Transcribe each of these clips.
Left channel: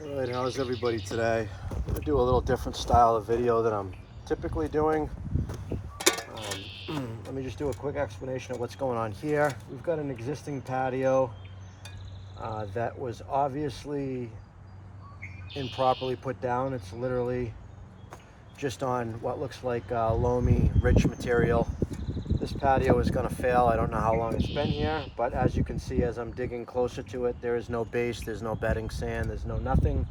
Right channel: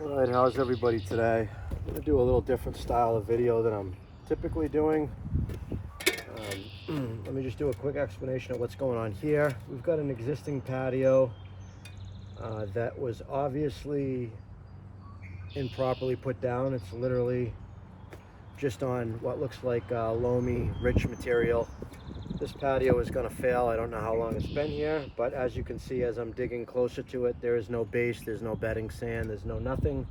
All right, how's everybody today? I'm going to do a little different style of video than I'm typically doing. Let me just do a quick explanation of what's going on here. We've got an existing patio that was obviously improperly put down. It's literally just on what looks like loamy, rich material. This patio is going to fail. I don't know how long it's been here, but as you can see, as I'm digging closer to it, there is no base, there's no bedding sand, there's no nothing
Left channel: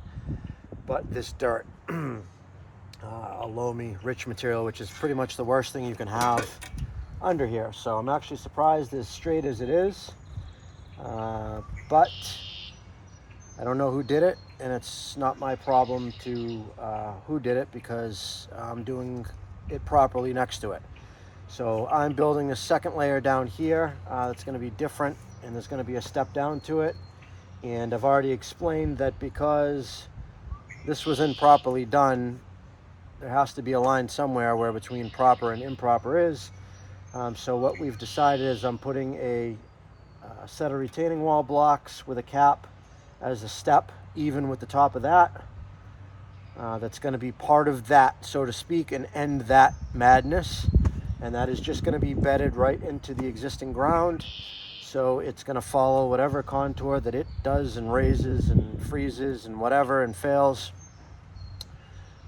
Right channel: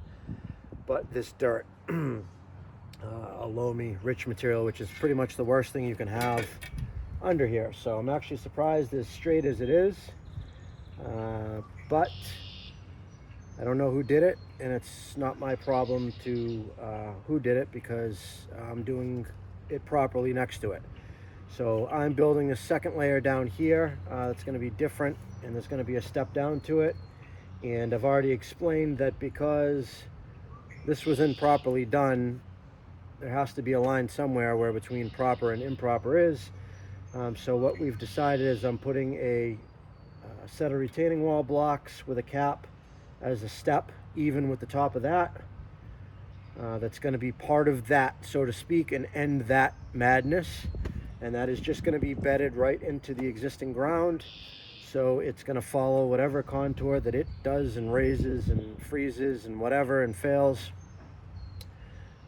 but this dirt. A loamy, rich material, which is pretty much the worst thing you can have under here. So I'm actually surprised as straight as it is, but I don't know who did it, and it's not my problem to who did it, because I'm doing it properly next to it. So I'm building a second layer down here that's going to be different, and there's going to be a step down to it. And I've already explained that because this was improperly done, there has to be a line somewhere where between proper and improper is. So what we've decided is I'm putting a set of retaining wall blocks with a cap as a step, even with the top of that. That's going to be part of that, so to speak, and end that madness. And that is just going to be bedded right into the existing ground. So it's going to follow whatever contour that it does and raises and freezes and whatever and fails.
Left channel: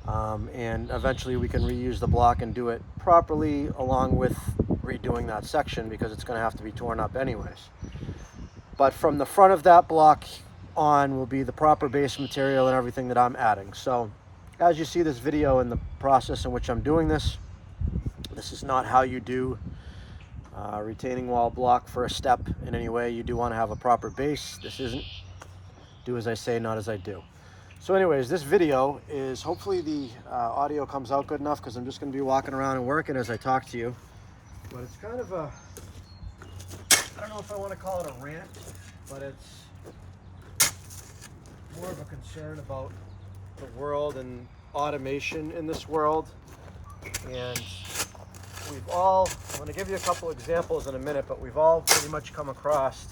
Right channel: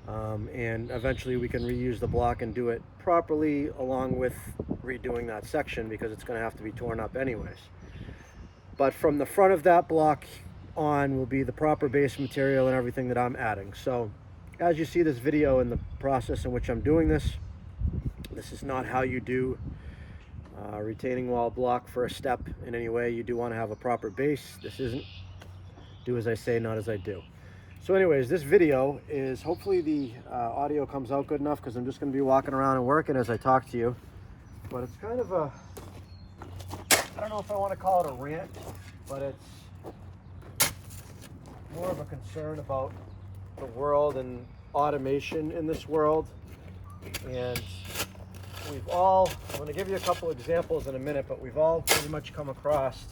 And eventually we can reuse the block and do it properly, along with redoing that section, because it's going to have to be torn up anyways. But from the front of that block on will be the proper base material and everything that I'm adding. So as you see this video and the process in which I'm doing this, this is not how you do retaining wall block for a step in any way. You do want to have a proper base. This isn't do as I say, not as I do. So anyways, this video is, hopefully the audio comes out good enough, because I'm just going to be walking around and working as I talk to you. But it's kind of a, I don't know if I want to call it a rant, but it's more of a concern about the world and automation in this world. And we've all, I'm going to give you a couple examples in a minute, but we've all pretty much come across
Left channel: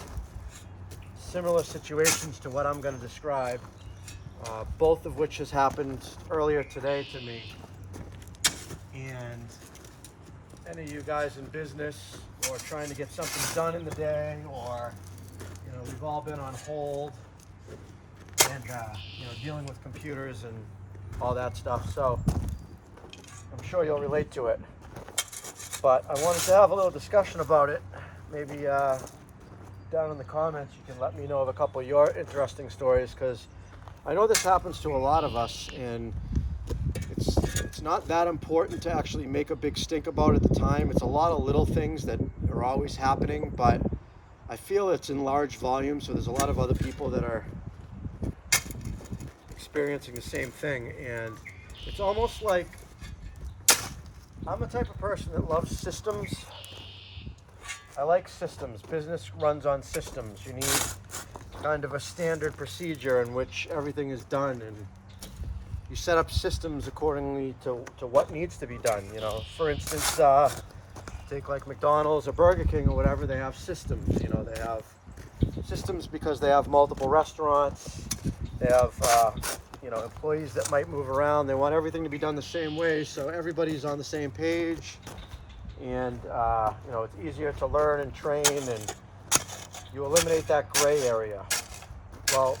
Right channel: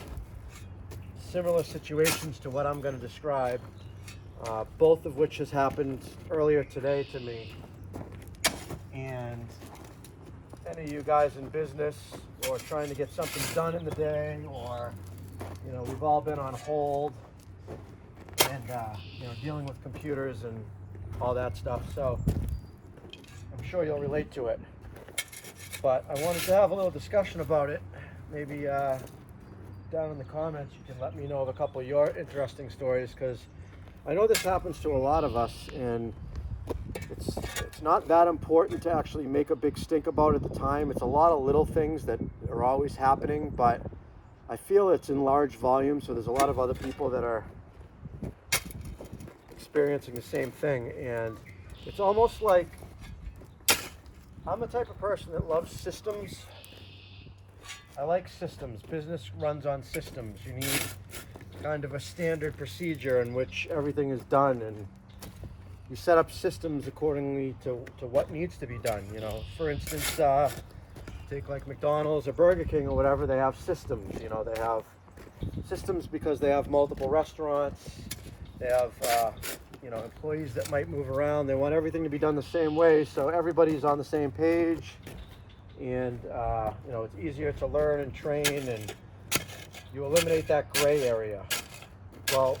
similar situations to what I'm going to describe, both of which has happened earlier today to me. And any of you guys in business or trying to get something done in the day, or, you know, we've all been on hold and, you know, dealing with computers and all that stuff. So I'm sure you'll relate to it. But I wanted to have a little discussion about it. Maybe down in the comments you can let me know of a couple of your interesting stories, because I know this happens to a lot of us, and it's not that important to actually make a big stink about it at the time. It's a lot of little things that are always happening, but I feel it's in large volume, so there's a lot of other people that are experiencing the same thing. And it's almost like, I'm the type of person that loves systems. I like systems. Business runs on systems. You need kind of a standard procedure in which everything is done, and you set up systems accordingly to what needs to be done. You know, for instance, take like McDonald's or Burger King or whatever, they have systems. You know, they have systems because they have multiple restaurants. They have you know, employees that might move around. They want everything to be done the same way, so everybody's on the same page, and you know, it's easier to learn and train, and you eliminate that gray area. Well,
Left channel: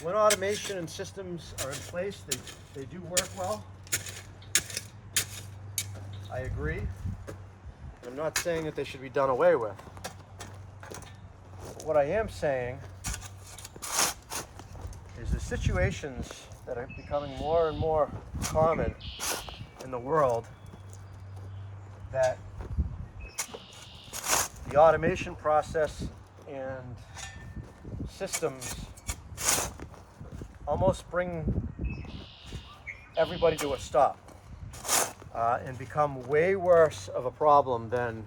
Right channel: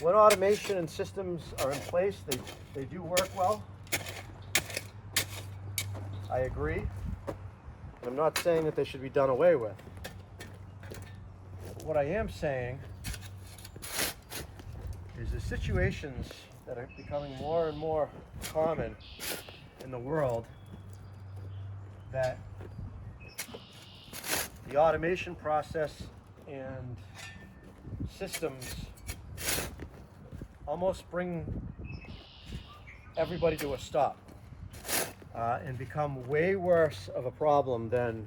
when automation and systems are in place, they do work well. I agree. I'm not saying that they should be done away with. But what I am saying is the situations that are becoming more and more common in the world, that the automation process and systems almost bring everybody to a stop, and become way worse of a problem than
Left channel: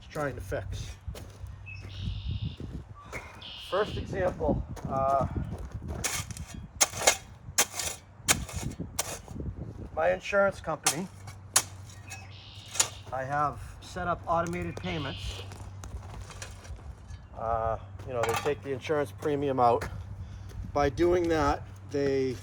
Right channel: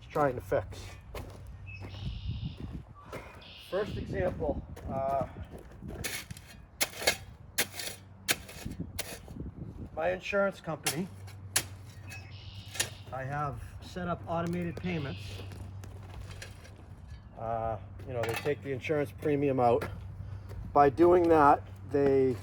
it's trying to fix. First example, my insurance company, I have set up automated payments You know, they take the insurance premium out. By doing that, they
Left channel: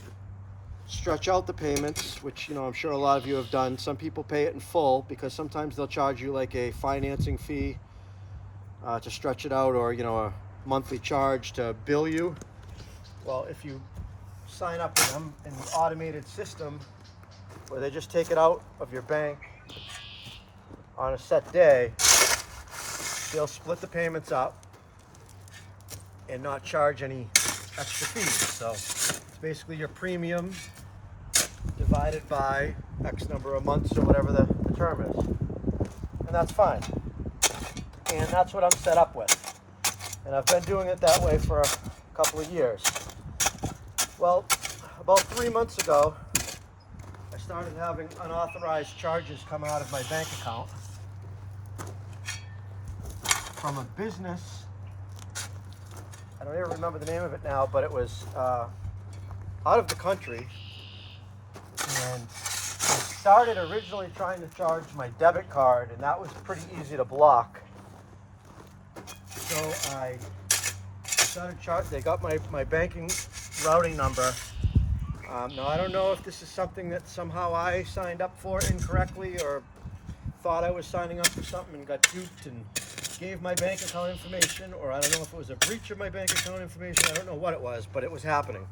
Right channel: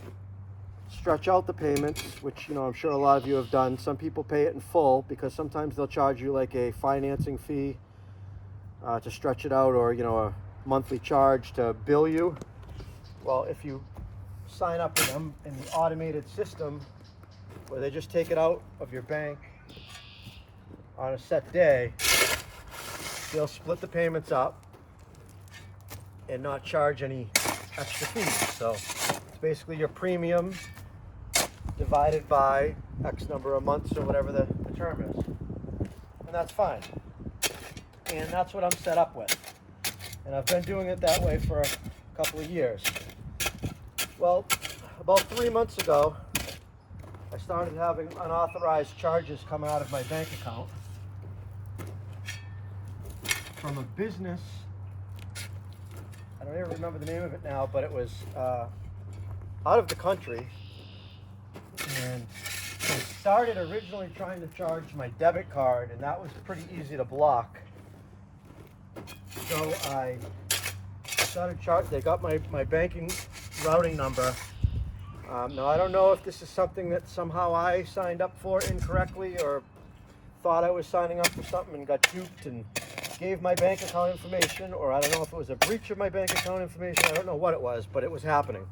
stretch out the payments, which, you know, I'm sure a lot of you have done. Some people pay it in full because sometimes they'll charge you like a financing fee to stretch it out, or, you know, a monthly charge to bill you. Well, if you sign up with them in the automated system where they just take it out of your bank on a set day, they'll split the payments up and not charge any extra fees. So it's basically your premium divided by X number of months or whatever the term is. And that's fine. And that's what I'm set up with. And I've been doing it that way for a couple of years. Well, about 3 months ago, I started having unauthorized charges come out of my bank account from a business. I don't even remember the name of it now, but it was out of the country. And they started originally trying to charge my debit card, and that was pretty easy to block. So I started charging. They got my banking routing number. Now, I don't know if this is something that somehow I signed up for incorrectly, or thought I was signing up for something and got duped and gave my bank account information, or I don't know if it was a breach of my bank account information. I don't know what it was, but it was happening.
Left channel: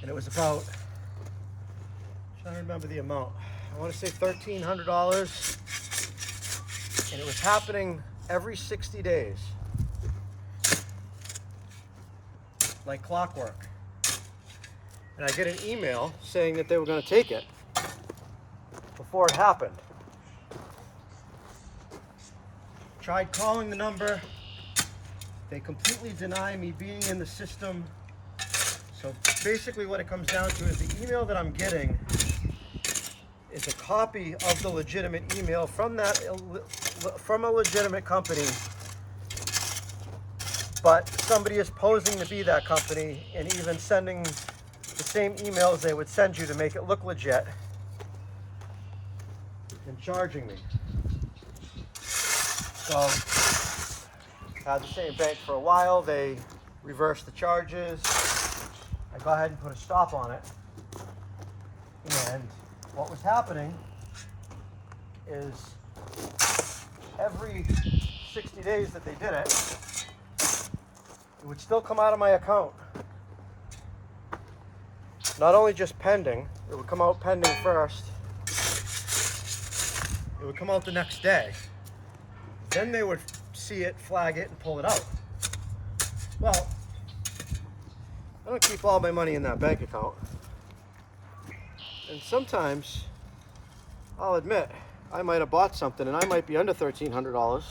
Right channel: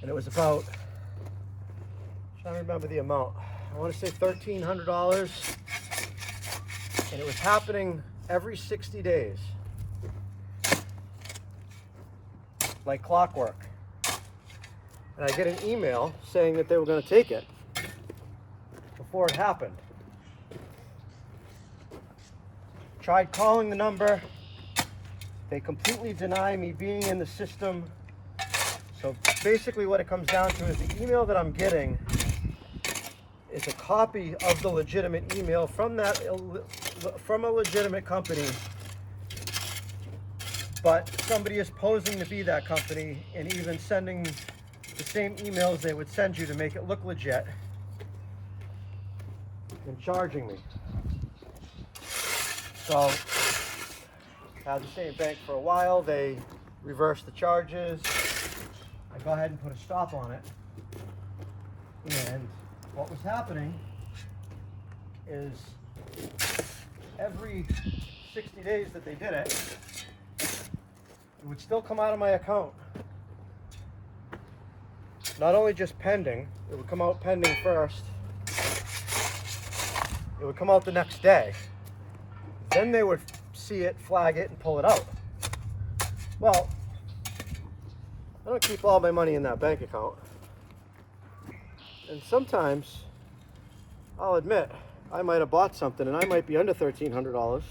And it was about, I'm trying to remember the amount. I want to say $1,300. And it was happening every 60 days. Like clockwork. And I get an email saying that they were going to take it before it happened. Tried calling the number. They completely deny me being in the system. So basically what it comes down to is the email that I'm getting is a copy of the legitimate email from a legitimate company, but somebody is posing to be that company and even sending the same emails they would send you to make it look legit and charging me. So I had the same bank for a while. They reversed the charges. I go ahead and put a stop on it. And what was happening is every 60 days that they did it, it would still come out of my account. Not only just pending, it would come out pending first. It would come out the next day. Then they would see it, flag it, and pull it out. Well, I don't keep all my money in that bank account. And sometimes, I'll admit, I might have bought something and I might be under $1,300.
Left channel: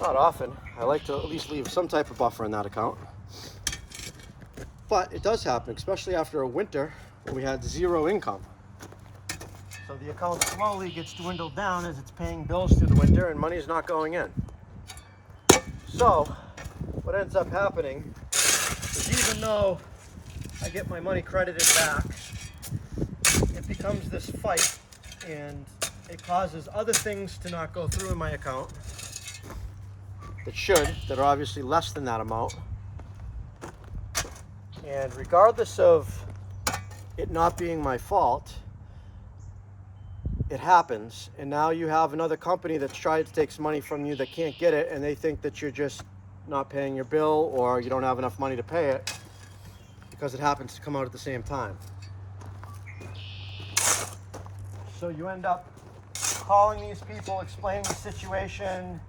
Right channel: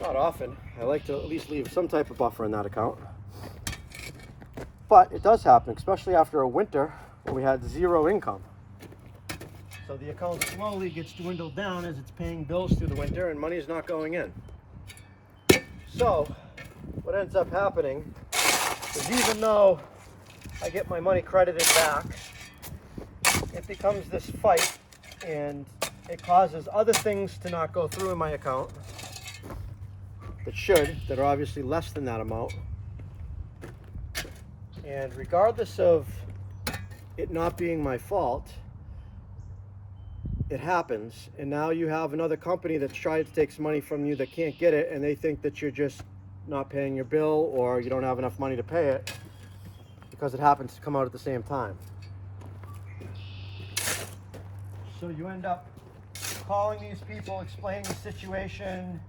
Not often. I like to at least leave some type of buffer in that account. But it does happen, especially after a winter when we had zero income. So the account slowly gets dwindled down as it's paying bills through the winter and money is not going in. So what ends up happening is, even though I get my money credited back, it becomes this fight, and it causes other things to not go through in my account that are obviously less than that amount. And regardless of it not being my fault, it happens, and now you have another company that's tried to take some money from you that can't get it, and they think that you're just not paying your bill, or you don't have enough money to pay it because it happens to come out at the same time. So you end up calling these people, explaining the situation.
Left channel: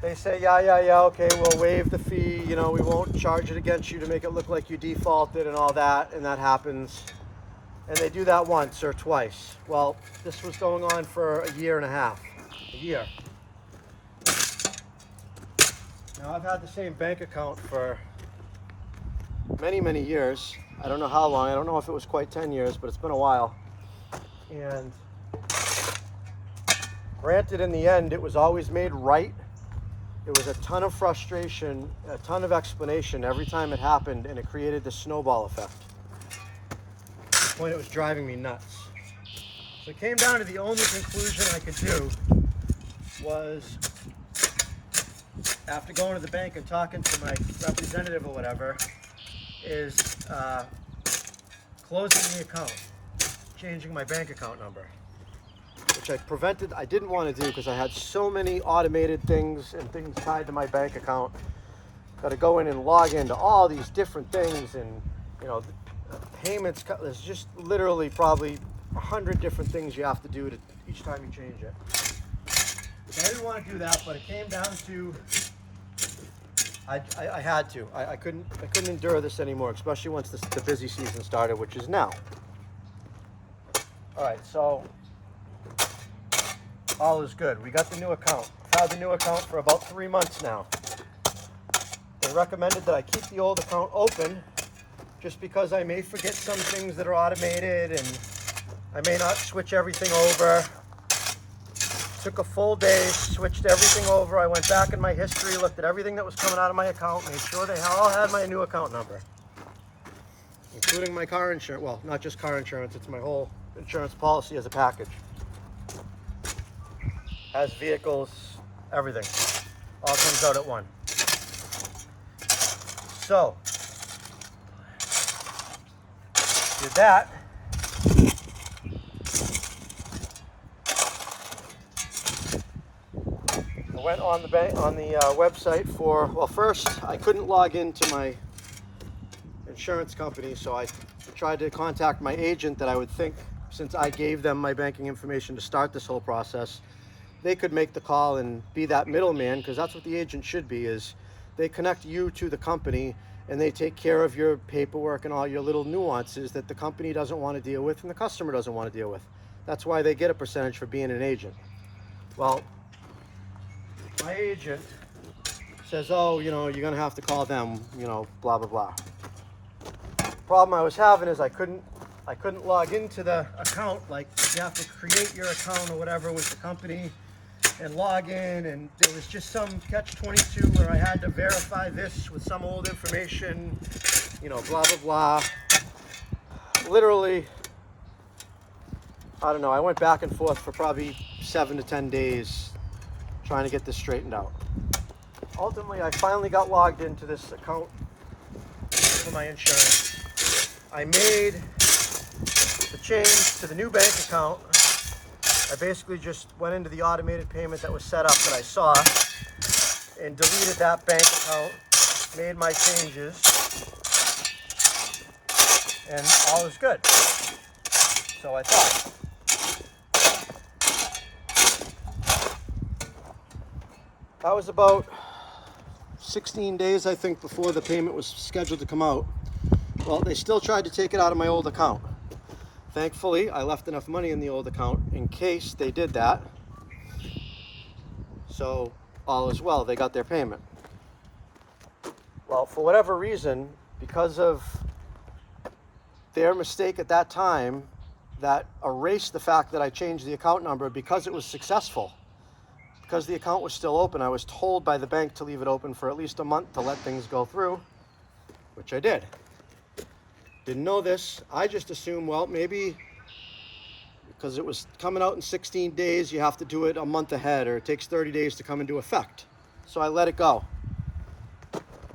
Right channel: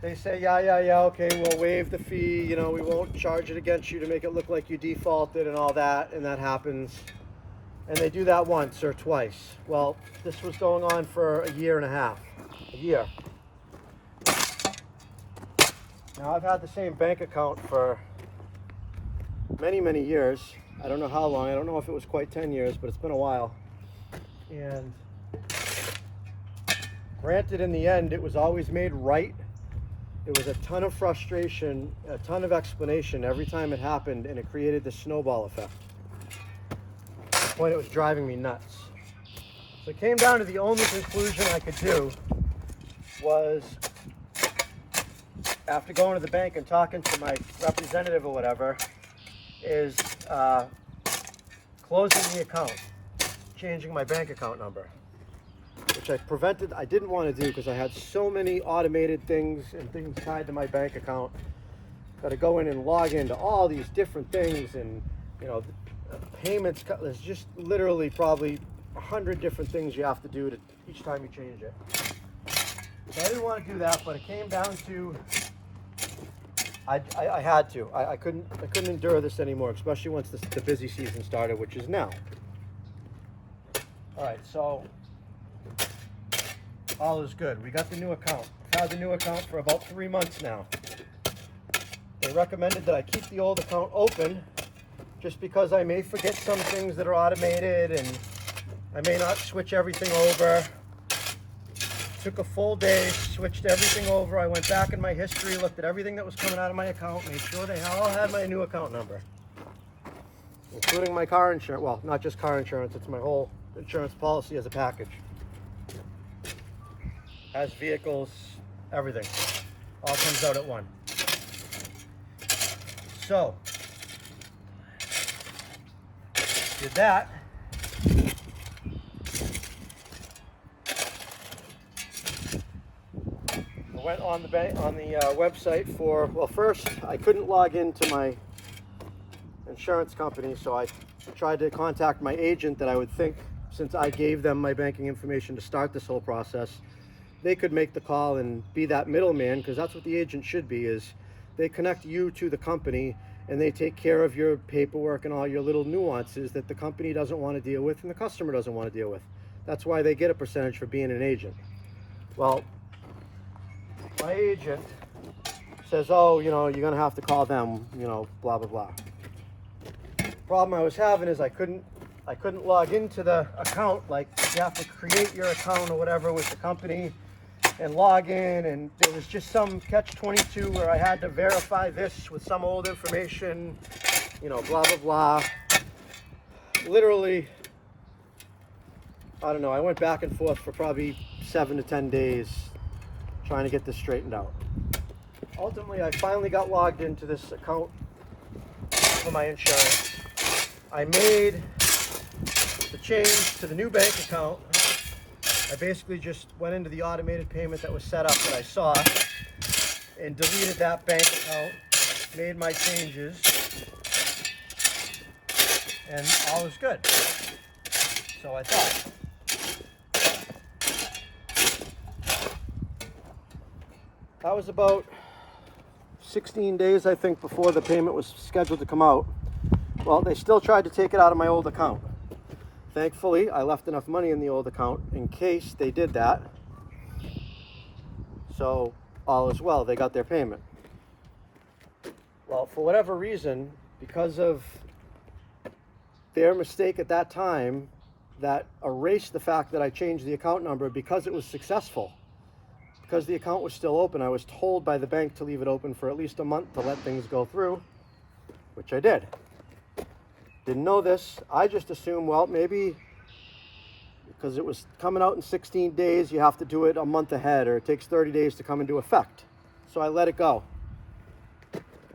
They say, yeah, okay, we'll waive the fee, you know, we won't charge it against you to make it look like you defaulted and all that, and that happens. And they do that once or twice. Well, this was going on for a year and a half. A year. Now, I've had the same bank account for many, many years. I don't know how long. I don't know if it was quite 10 years, but it's been a while. And granted, in the end, it was always made right. It was a ton of frustration, a ton of explanation every time it happened, and it created the snowball effect. At the point it was driving me nuts. So it came down to the only conclusion I could do was after going to the bank and talking to my representative or whatever, is closing the account, changing my bank account number, which I didn't want to do because I had so many automated things and things tied to my bank account. Got to go in and log into all these different things, and you know, payments. There's just literally probably 100 different things you have to do to each time you change it. So I didn't want to do that, but it came down to I had to. I couldn't endure this anymore, especially once the busy season started, which is now. All right, so all is good. We got the new account. I've had the new account for about 3 months now. They recommended that I keep the old account open just because I may forget some things that are automated and I may not switch everything over. Took a full day, switched everything over. I went back in my history, looked at everything that was coming out of my account, made sure they all had my new account number, including my car insurance. Well, not just car insurance, it's my whole insurance policy as a package. Has vehicles, everything. All comes out at one. So, with that, I went on the website for, well, first I couldn't log into my insurance company, so I tried to contact my agent that I would think, since I gave them my banking information to start this whole process, they could make the call and be that middleman, because that's what the agent should be, is they connect you to the company and they take care of your paperwork and all your little nuances that the company doesn't want to deal with and the customer doesn't want to deal with. That's why they get a percentage for being an agent. Well, my agent says, oh, you know, you're going to have to call them, you know, blah, blah, blah. The problem I was having is I couldn't log into the account. Like, you have to create your account or whatever with the company and log in, and there was just some catch-22 where I had to verify this with some old information, you know, blah, blah, blah. Literally, I don't know, I went back and forth for probably 7 to 10 days trying to get this straightened out. Ultimately, I finally got logged into this account for my insurance. I made the change to the new bank account. I basically just went into the automated payment that was set up that I saw and deleted that bank account, made my changes, and all is good. So I thought. That was about 16 days, I think, before the payment was scheduled to come out. Well, they still tried to take it out of my old account. Thankfully, I left enough money in the old account in case they did that. So all is well, they got their payment. Well, for whatever reason, because of their mistake at that time, that erased the fact that I changed the account number because it was successful. Because the account was still open, I was told by the bank to leave it open for at least a month to let things go through, which I did. Didn't know this. I just assumed, well, maybe because it was coming out in 16 days, you have to do it a month ahead, or it takes 30 days to come into effect. So I let it go.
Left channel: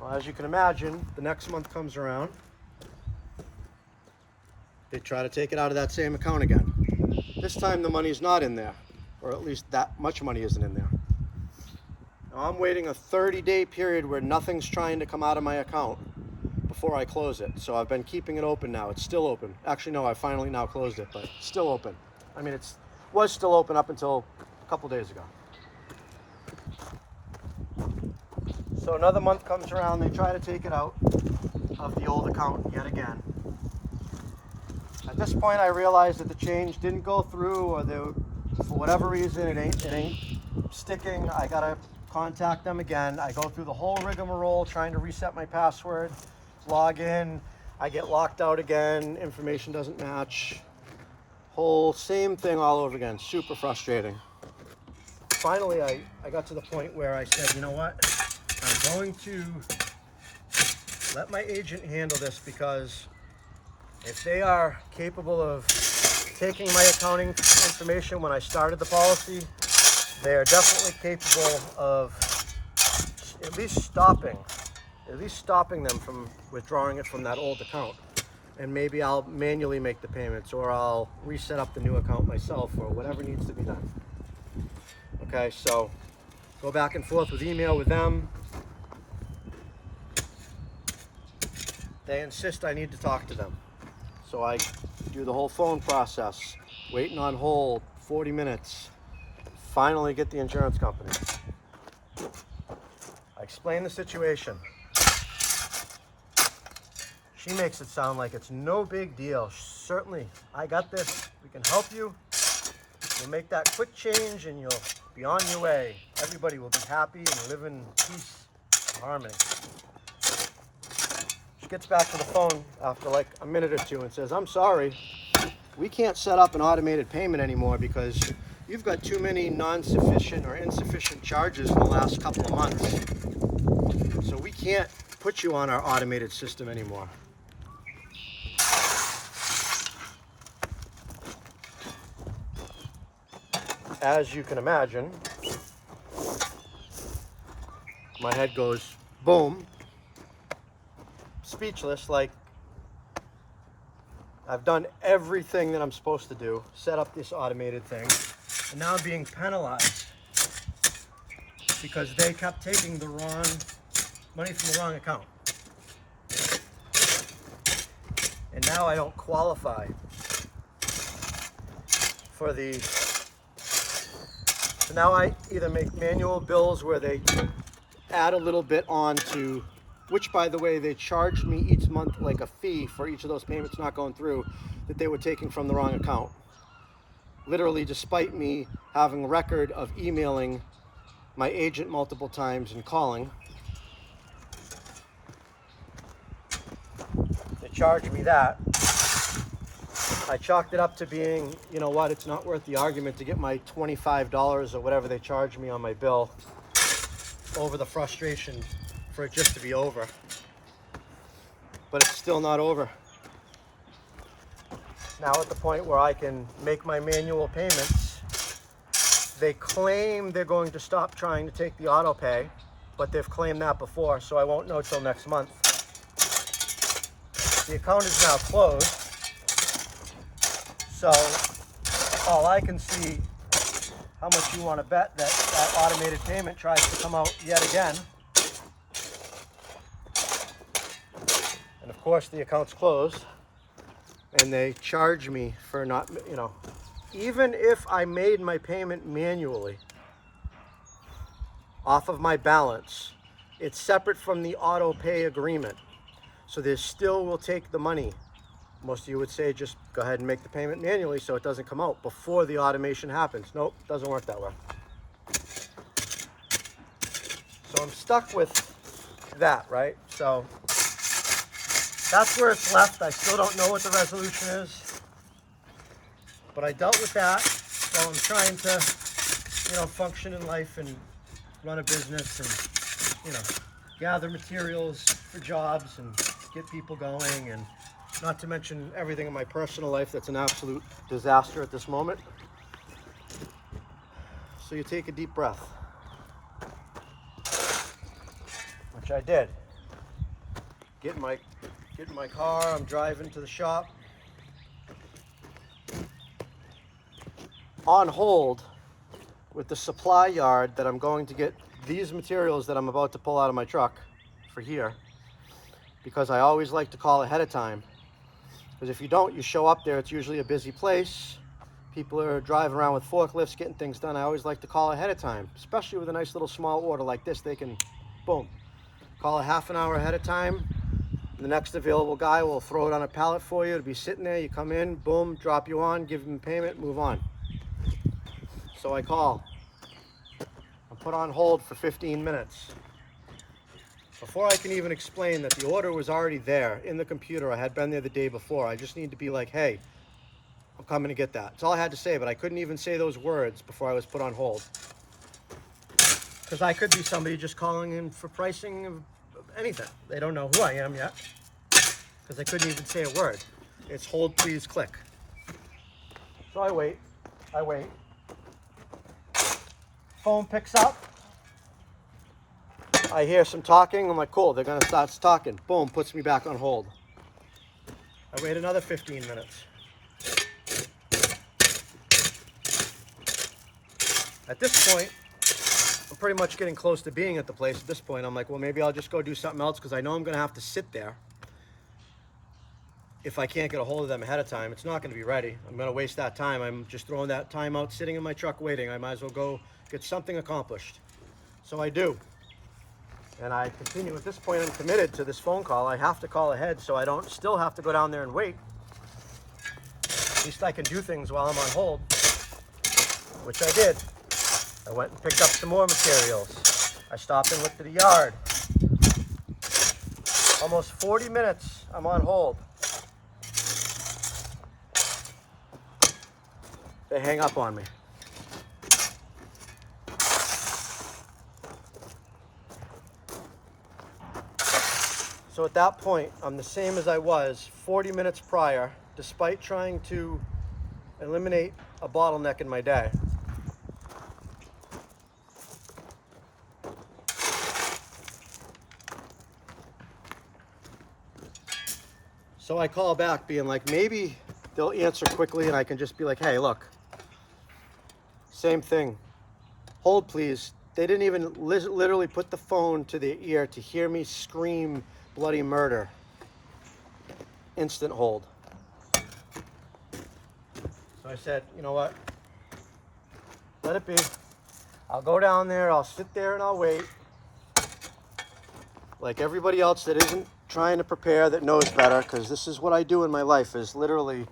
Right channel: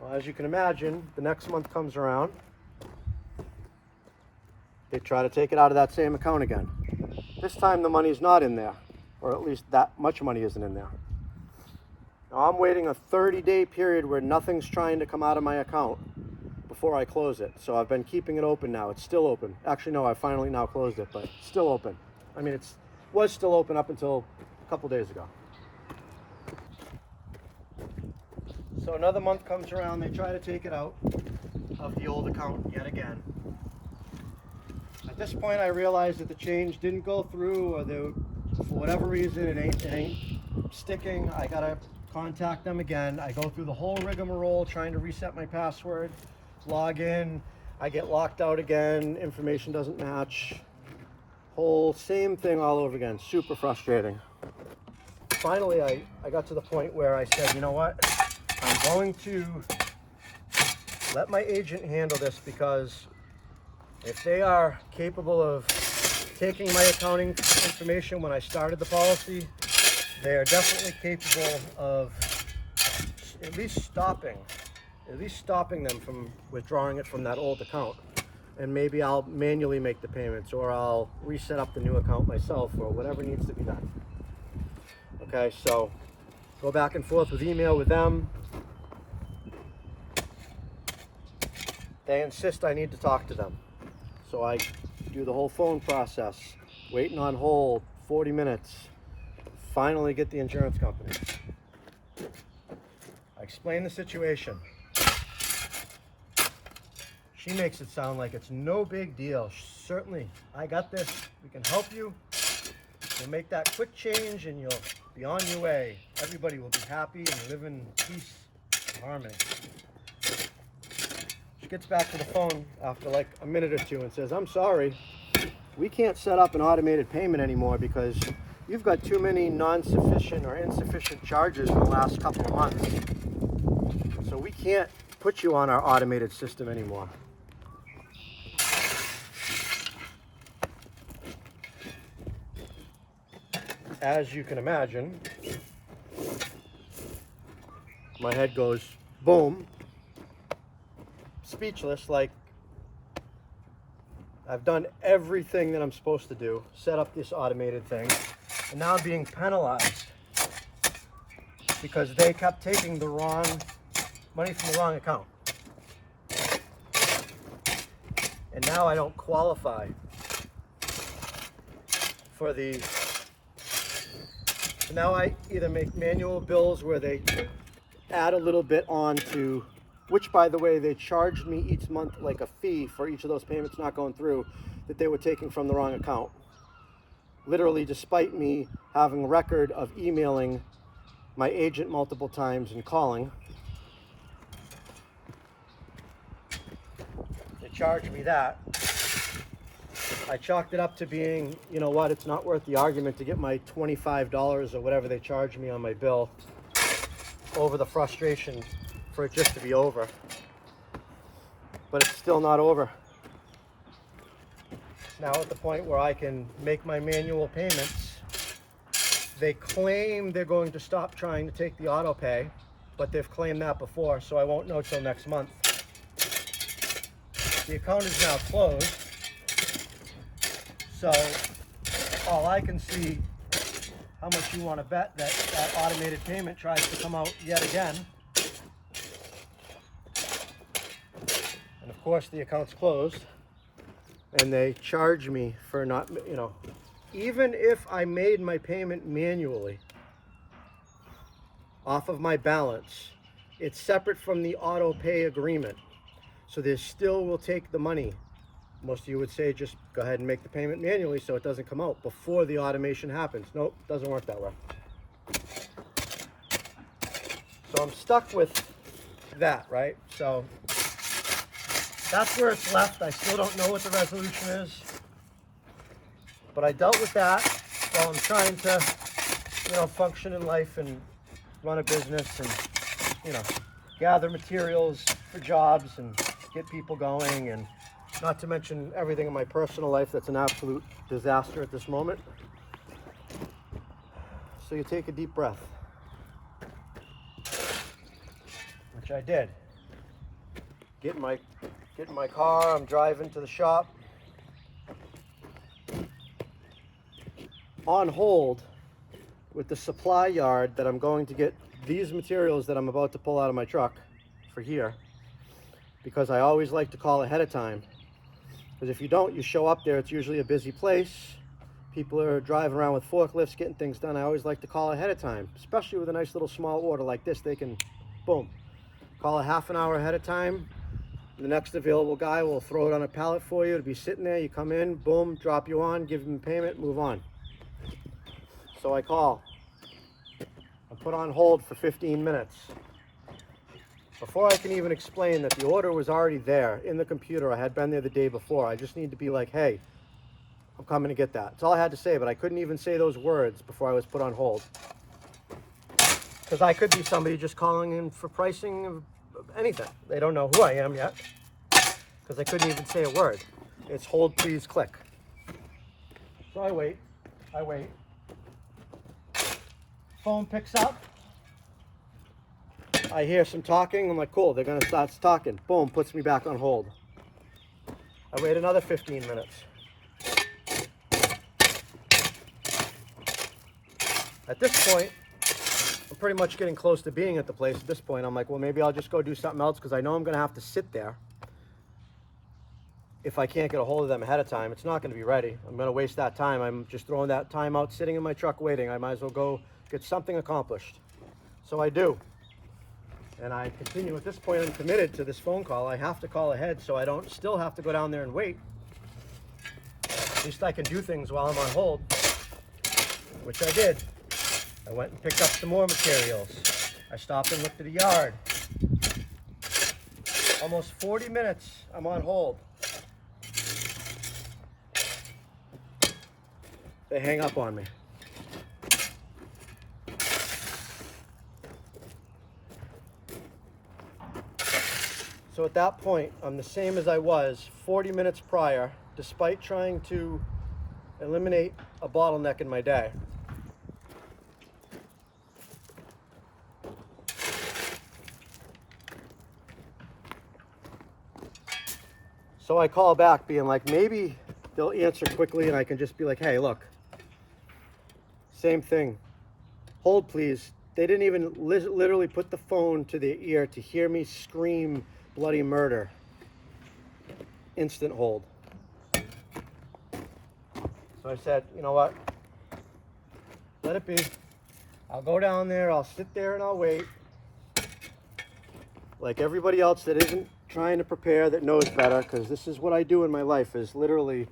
Well, as you can imagine, the next month comes around. They try to take it out of that same account again. This time the money's not in there, or at least that much money isn't in there. Now I'm waiting a 30-day period where nothing's trying to come out of my account before I close it. So I've been keeping it open now. It's still open. Actually, no, I finally now closed it, but it's still open. I mean, it was still open up until a couple days ago. So another month comes around, they try to take it out of the old account yet again. At this point, I realized that the change didn't go through, or for whatever reason, it ain't sticking. I gotta contact them again. I go through the whole rigmarole trying to reset my password, log in, I get locked out again, information doesn't match. Whole same thing all over again. Super frustrating. Finally, I got to the point where I said, you know what? I'm going to let my agent handle this, because if they are capable of taking my accounting information when I started the policy, they are definitely capable of at least stopping them from withdrawing it from that old account. And maybe I'll manually make the payments, or I'll reset up the new account myself, or whatever needs to be done. Okay, so go back and forth with email with them. They insist I need to talk to them. So I do the whole phone process, waiting on hold, 40 minutes. Finally get the insurance company. I explain the situation. She makes it sound like it's no big deal. Certainly, I got this. We can help you. We'll make that quick change and you'll be on your way. Everybody will be happy and live in peace and harmony. She gets back to the phone after like a minute or two and says, I'm sorry, we can't set up an automated payment anymore because you've got too many non-sufficient or insufficient charges in the last couple of months. So we can't put you on our automated system anymore. As you can imagine, my head goes boom, speechless, like I've done everything that I'm supposed to do, set up this automated thing, and now I'm being penalized because they kept taking the wrong money from the wrong account. And now I don't qualify for the... So now I either make manual bills where they add a little bit on to, which by the way, they charged me each month like a fee for each of those payments not going through that they were taking from the wrong account. Literally, despite me having a record of emailing my agent multiple times and calling, they charged me that. I chalked it up to being, you know what, it's not worth the argument to get my $25 or whatever they charge me on my bill over the frustration for it just to be over. But it's still not over. Now at the point where I can make my manual payments, they claim they're going to stop trying to take the auto pay, but they've claimed that before, so I won't know till next month. The account is now closed. So all I can see, how much you want to bet that that automated payment tries to come out yet again. And of course the account's closed and they charge me for not, you know, even if I made my payment manually off of my balance, it's separate from the auto pay agreement. So they still will take the money. Most of you would say just go ahead and make the payment manually so it doesn't come out before the automation happens. Nope, doesn't work that way. So I'm stuck with that, right? So that's where it's left. I still don't know what the resolution is. But I dealt with that while I'm trying to, you know, function in life and run a business and, you know, gather materials for jobs and get people going, and not to mention everything in my personal life that's an absolute disaster at this moment. So you take a deep breath, which I did. Get in my car, I'm driving to the shop. On hold with the supply yard that I'm going to get these materials that I'm about to pull out of my truck for here, because I always like to call ahead of time. Because if you don't, you show up there, it's usually a busy place. People are driving around with forklifts, getting things done. I always like to call ahead of time, especially with a nice little small order like this. They can, boom, call a half an hour ahead of time. The next available guy will throw it on a pallet for you. It'll be sitting there. You come in, boom, drop you on, give them payment, move on. So I call. I'm put on hold for 15 minutes. Before I can even explain that the order was already there in the computer, I had been there the day before. I just need to be like, hey, I'm coming to get that. That's all I had to say, but I couldn't even say those words before I was put on hold. Because I could be somebody just calling in for pricing of anything. They don't know who I am yet, because I couldn't even say a word. It's hold, please, click. So I wait. Phone picks up. I hear some talking. I'm like, cool, they're gonna start talking. Boom, puts me back on hold. I wait another 15 minutes. At this point, I'm pretty much getting close to being at the place. At this point, I'm like, well, maybe I'll just go do something else because I know I'm gonna have to sit there. If I can't get a hold of them ahead of time, it's not gonna be ready. I'm gonna waste that time. I'm just throwing that time out sitting in my truck waiting. I might as well go get something accomplished. So I do. And I continue. At this point, I'm committed to this phone call. I have to call ahead so I don't still have to go down there and wait. At least I can do things while I'm on hold, which I did. I went and picked up some more materials. I stopped and looked at the yard. Almost 40 minutes I'm on hold. They hang up on me. So at that point, I'm the same as I was 40 minutes prior, despite trying to eliminate a bottleneck in my day. So I call back being like, maybe they'll answer quickly and I can just be like, hey, look, same thing. Hold, please. They didn't even literally put the phone to their ear to hear me scream bloody murder. Instant hold. So I said, you know what? Let it be. I'll go down there, I'll sit there and I'll wait. Like everybody else that isn't trying to prepare, that knows better, because this is what I do in my life, is literally,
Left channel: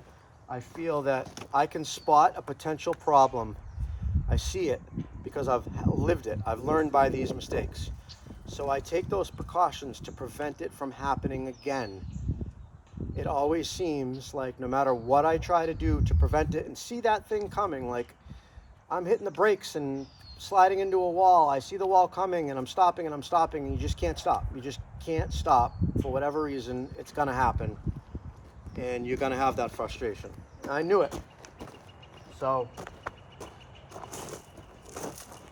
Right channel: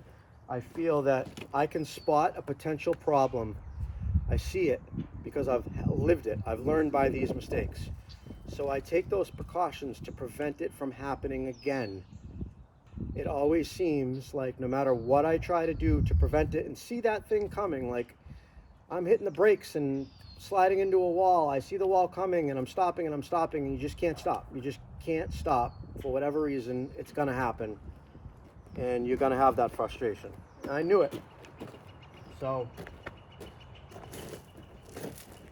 I feel that I can spot a potential problem. I see it because I've lived it. I've learned by these mistakes. So I take those precautions to prevent it from happening again. It always seems like no matter what I try to do to prevent it and see that thing coming, like I'm hitting the brakes and sliding into a wall. I see the wall coming and I'm stopping and you just can't stop. You just can't stop for whatever reason. It's gonna happen and you're gonna have that frustration. And I knew it. So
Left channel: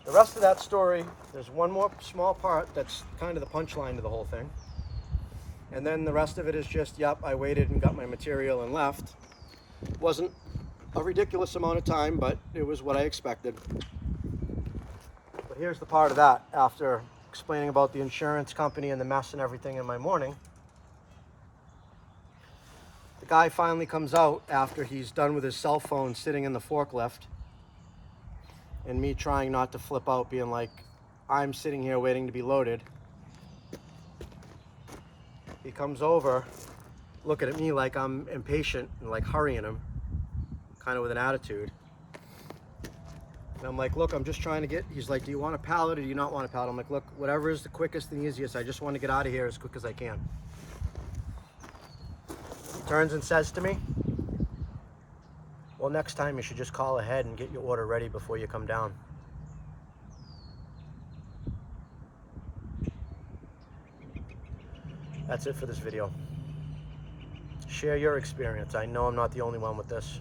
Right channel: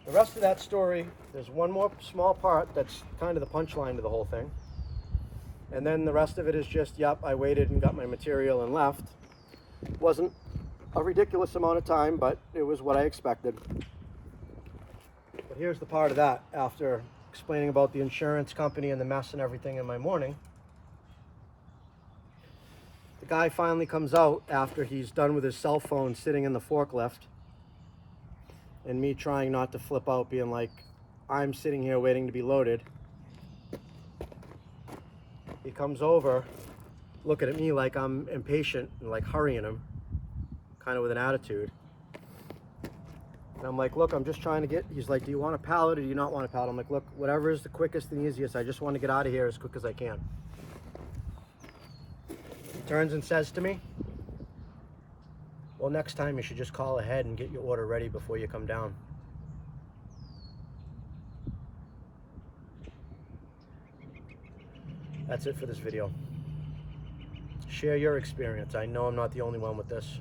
the rest of that story, there's one more small part that's kind of the punchline to the whole thing. And then the rest of it is just, yep, I waited and got my material and left. Wasn't a ridiculous amount of time, but it was what I expected. But here's the part of that, after explaining about the insurance company and the mess and everything in my morning. The guy finally comes out after he's done with his cell phone sitting in the forklift. And me trying not to flip out, being like, I'm sitting here waiting to be loaded. He comes over, looking at me like I'm impatient and like hurrying him, kind of with an attitude. And I'm like, look, I'm just trying to get, he's like, do you want a pallet or do you not want a pallet? I'm like, look, whatever is the quickest and easiest. I just want to get out of here as quick as I can. He turns and says to me, well, next time you should just call ahead and get your order ready before you come down. That's it for this video. Share your experience. I know I'm not the only one with this.